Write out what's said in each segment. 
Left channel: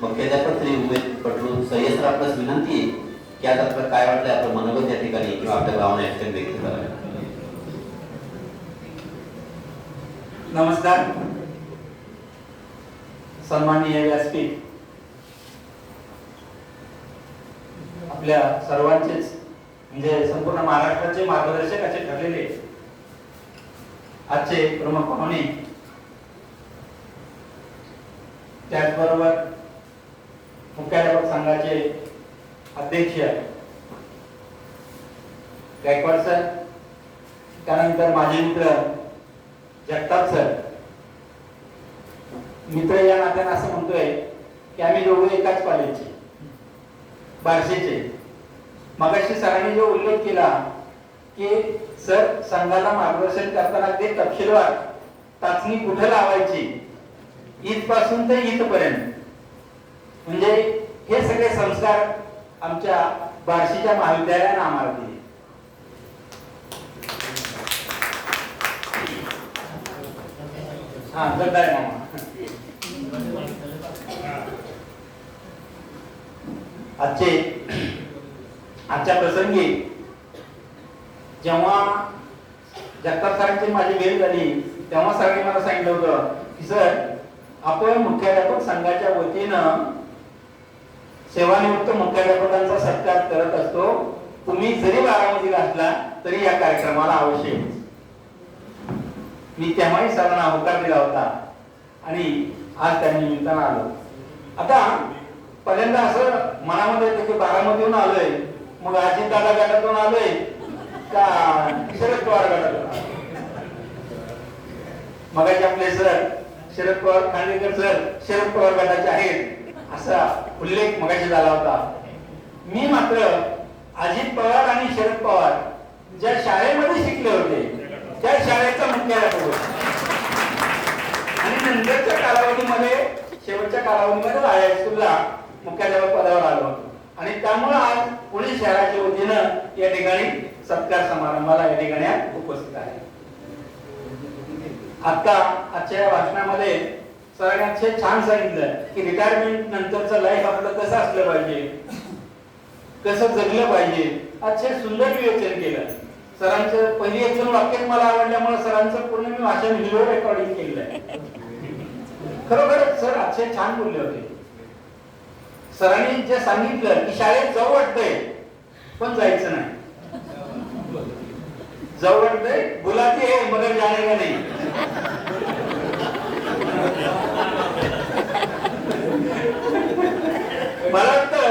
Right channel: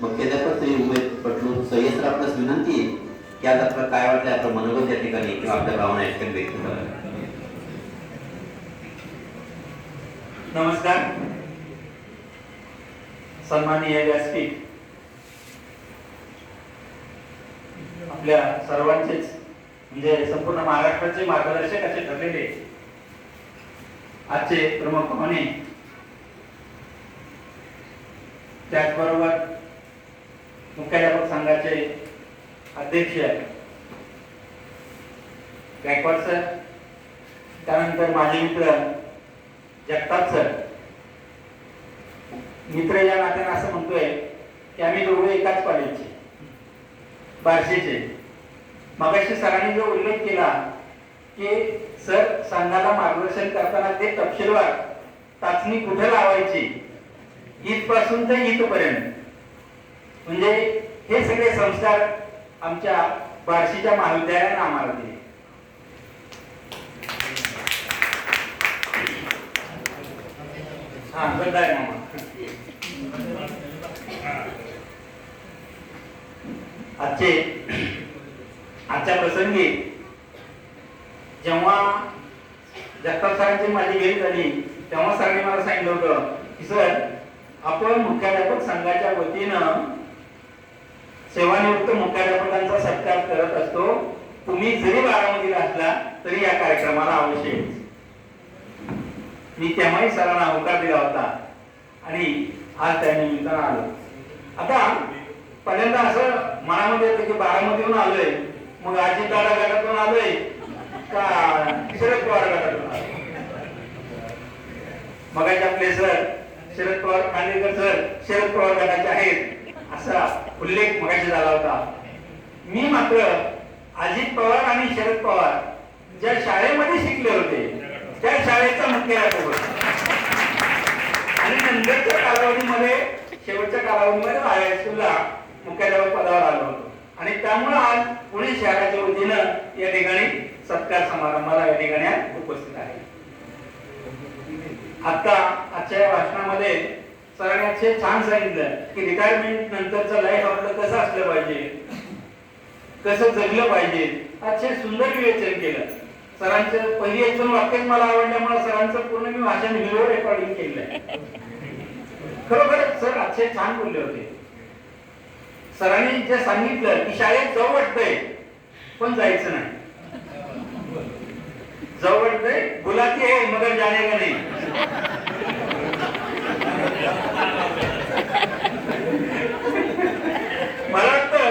मुख्याध्यापक श्री उमेश पटलू सय्यद सर, आपल्यास विनंती आहे की आज आपल्याला काय वाटलं आपलं मनोगत या ठिकाणी किंवा आपल्या भावना या ठिकाणी व्यक्त करा. नमस्कार. सन्माननीय व्यासपीठ, आपल्या सर्वांचेच म्हणजे संपूर्ण महाराष्ट्राचे मार्गदर्शक असे ठरलेले आजचे प्रमुख पाहुणे, त्याचबरोबर मुख्याध्यापक संघाचे अध्यक्ष गायकवाड सर, त्यानंतर माझे मित्र जगताप सर. मित्र या नात्याने असं म्हणतोय की आम्ही दोघे एकाच कॉलेजचे, बार्शीचे. मगाशी सरांनी जो उल्लेख केला की सर संघाला मार्गदर्शन करताना ते तपशीलवार चाचणी कुठे लावायची इथपासून ते इथपर्यंत, म्हणजे हे सगळे संस्कार आमच्या बार्शीच्या महाविद्यालयाने आम्हाला दिले. हा गद्दार मामा. आजच्या प्रसंगी जेव्हा जगताप सरांची माझी भेट झाली तेव्हा सरांनी मला सांगितलं होतं की सर, आपण मुख्याध्यापक संघाच्या वतीनं सेवानिवृत्त मुख्याध्यापकांचा सत्कार करत असतो. तुम्ही जरी बारामतीला असला तरी या कार्यक्रमाला अवश्य. मी तेव्हाही सरांना होकार दिला होता आणि आज त्या निमित्तानं आलो. आता पहिल्यांदा असं मनामध्ये येतं की बारामतीहून आलोय, मग अजित दादा गटातून आलोय का शरद पवार गटातून आलोय. मगाशी आपले सर शरद पवार खांडेकर सर शरद पवार गटाचे आहेत असा उल्लेख मगाशी झाला होता. मी मात्र अजित पवार आणि शरद पवार ज्या शाळेमध्ये शिकले होते त्या शाळेचा मुख्याध्यापक होता आणि नंतरच्या कालावधीमध्ये, शेवटच्या कालावधीमध्ये हायस्कूलला मुख्याध्यापक पदावर आलो होतो. आणि त्यामुळे आज पुणे शहराच्या वतीनं या ठिकाणी सत्कार समारंभाला या ठिकाणी उपस्थित आहे. आजच्या भाषणामध्ये सरांनी छान सांगितलं की रिटायरमेंट नंतरचं लाईफ आपलं कसं असलं पाहिजे, कसं जगलं पाहिजे. अतिशय सुंदर विवेचन केलं सरांचं. पहिली एक दोन वाक्य मला आवडल्यामुळे सरांचं पूर्ण मी भाषण व्हिडिओ रेकॉर्डिंग केलंय. खरोखर सर अतिशय छान बोलले होते. सरांनी जे सांगितलं की शाळेत जाऊ वाटतंय पण जायचं नाही, जाऊ वाटतंय बुलाती है मगर जाने का नहीं. मला वाटतं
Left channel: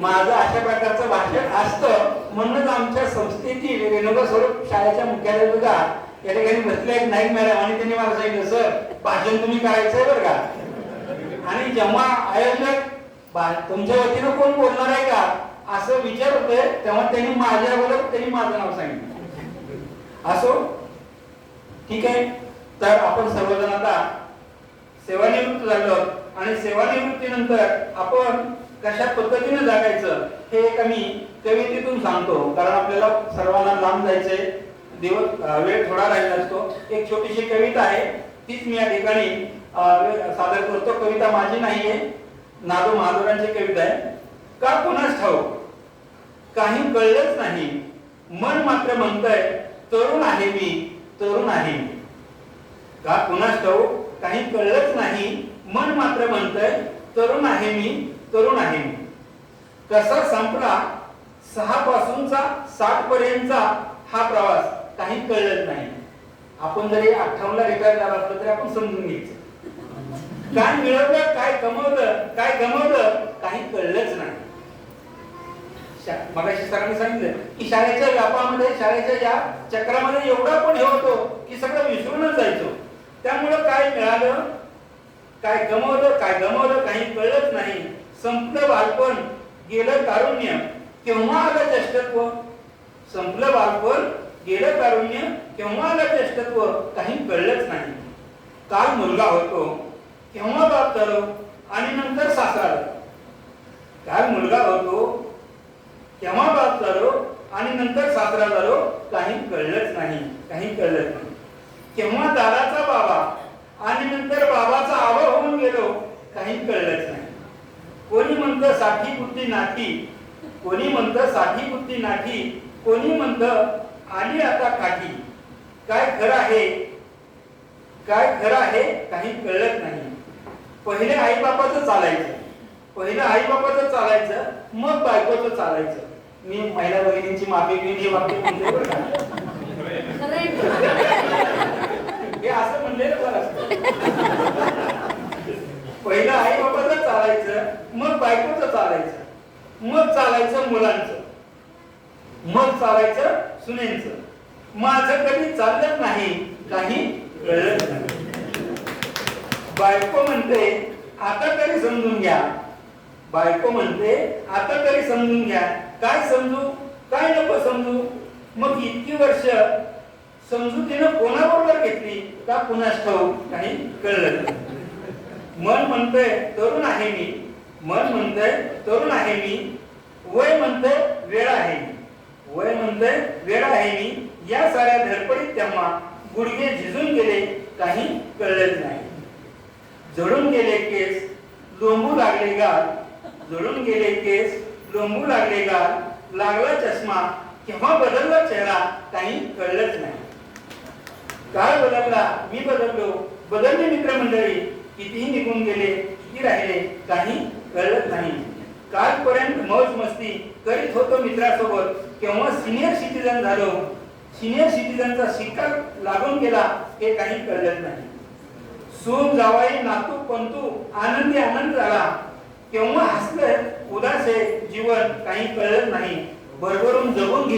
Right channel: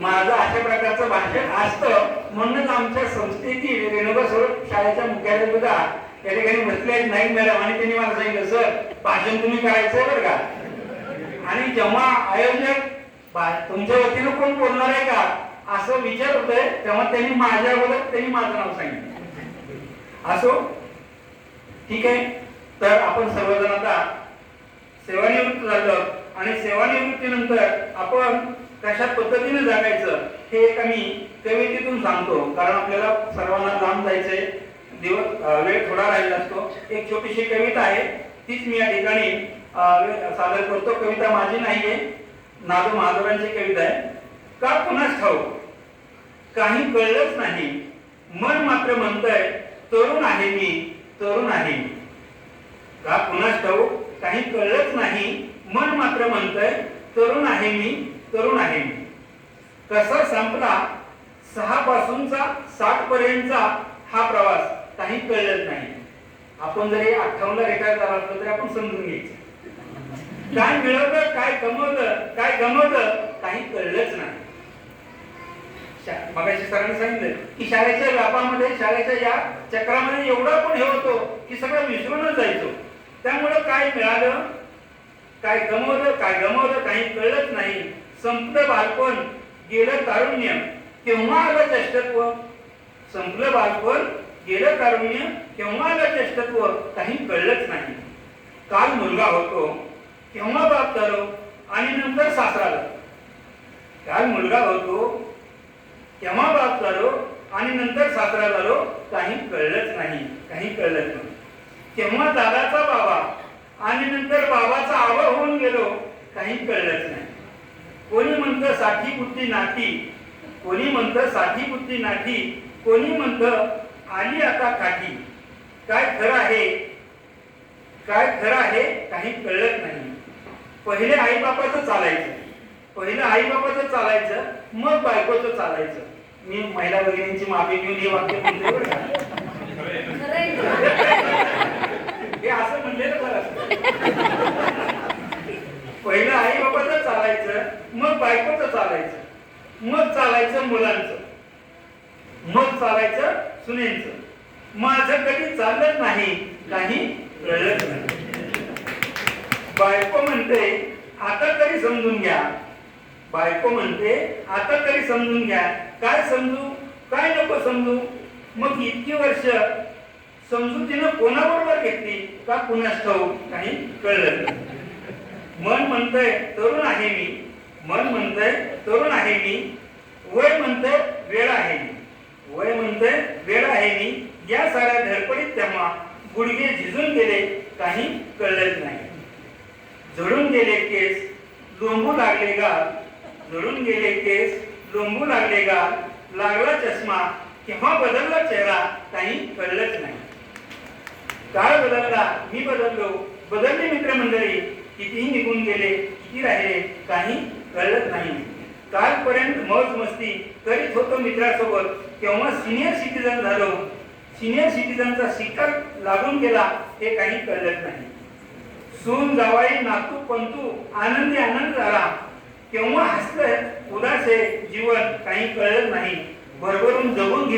माझं अशा प्रकारचं भाषण असतं म्हणूनच आमच्या संस्थेची रेणुका स्वरूप शाळेच्या मुख्याध्यापिका या ठिकाणी बसले आहेत नाईक मॅडम, आणि त्यांनी मला सांगितलं सर भाषण तुम्ही करायचंय बरं का. आणि जेव्हा आयोजक तुमच्या वतीनं कोण बोलणार आहे का असं विचार होतोय तेव्हा त्यांनी माझ्या अगोदर त्यांनी माझं नाव सांगितलं. असो, ठीक आहे. तर आपण सर्वजण आता सेवानिवृत्त झालो आणि सेवानिवृत्तीनंतर आपण कशा पद्धतीने जगायचं हे एक आम्ही कवितेतून सांगतो, कारण आपल्याला सर्वांना लांब जायचंय, वेळ थोडा राहिला असतो. एक छोटीशी कविता आहे, तीच मी या ठिकाणी सादर करतो. कविता माझी नाहीये, नादू महादेवांची कविता आहे. का कुणास ठाऊक काही कळलंच नाही, मन मात्र म्हणतंय तरुण आहे मी, तरुण आहे. का कुणास ठाऊक काही कळलंच नाही, मन मात्र म्हणतंय तरुण आहे मी, तरुण आहे मी. कसा संपला 6 पासूनचा 60 पर्यंतचा हा प्रवास काही कळलंच नाही. आपण जरी 58 ला रिटायर झाला असलो तरी आपण समजून घ्यायचं काय मिळवलं, काय कमवलं, काय गमवलं काही कळलंच नाही. मगाशी सरांनी सांगितलं की शाळेच्या व्यापामध्ये, शाळेच्या या चक्रामध्ये एवढा पण हे होतो की सगळं विसरूनच जायचो. त्यामुळं काय मिळालं, काय गमवलं, काय गमवलं काही कळलंच नाही. संपलं बालपण गेलं तारुण्य, केव्हा आलं ज्येष्ठत्व. संपलं बालपण गेलं तारुण्य, केव्हा आलं ज्येष्ठत्व काही कळलंच नाही. काल मुलगा होतो केव्हा बाप झालो आणि नंतर सासरा झालो. काल मुलगा होतो केव्हा बाप झालो आणि नंतर सासरा झालो काही कळलंच नाही, काही कळलंच नाही. केव्हा दादाचा बाबा आणि नंतर बाबाचा आवा होऊन गेलो काही कळलंच नाही. कोणी म्हणतं साठी बुद्धी नाठी, कोणी म्हणतं साठी बुद्धी नाठी, कोणी म्हणतं आली आता काठी. काय खरं आहे, काय खरं आहे काही कळत नाही. पहिले आईबापाचं चालायचं, पहिलं आईबापाचं चालायचं, मग बायकोचं चालायचं. मी महिला भगिनींची माफी घेऊन हे वाक्य म्हणते बरं का. हे असं म्हणलेलं खरं असतं. पहिलं आईबापाचं चालायचं, मग बायकोचं चालायचं, मग चालायचं मुलांचं, मग चालायचं सुनेंचं. माझं कधी चालत नाही, काही कळत नाही. बायको म्हणते आता तरी समजून घ्या, बायको म्हणते आता तरी समजून घ्या. काय समजू, काय नको समजू. मग इतकी वर्ष समजुतीनं कोणाबरोबर घेतली का कुणास ठाऊक काही कळलं नाही. मन म्हणतंय तरुण आहे मी, मन म्हणतंय तरुण आहे मी, वय म्हणतंय वेळ आहे मी, वय म्हणतंय वेळ आहे मी. या साऱ्या धडपडीत तेव्हा गुडघे झिजून गेले, काही कळलंच नाही. झडून गेले केस, लोंबू लागले गाल, झडून गेले केस, लोंबू लागले गाल. लागला चष्मा, केव्हा बदलला चेहरा, काही कळलंच नाही. काळ बदलला, मी बदललो, बदलले मित्रमंडळी, कितीही निघून गेले, किती राहिले, काही कळलंच नाही. कालपर्यंत मौज मस्ती करीत होतो मित्रासोबत, केव्हा सिनियर सिटीजन झालो, सिनियर सिटीजनचा शिक्का लागून गेला, हे काही कळलंच नाही. सून जावाई नातू पंतू आनंदी आनंद झाला, केव्हा हसलं उदास आहे जीवन, काही कळत नाही. भरभरून जगून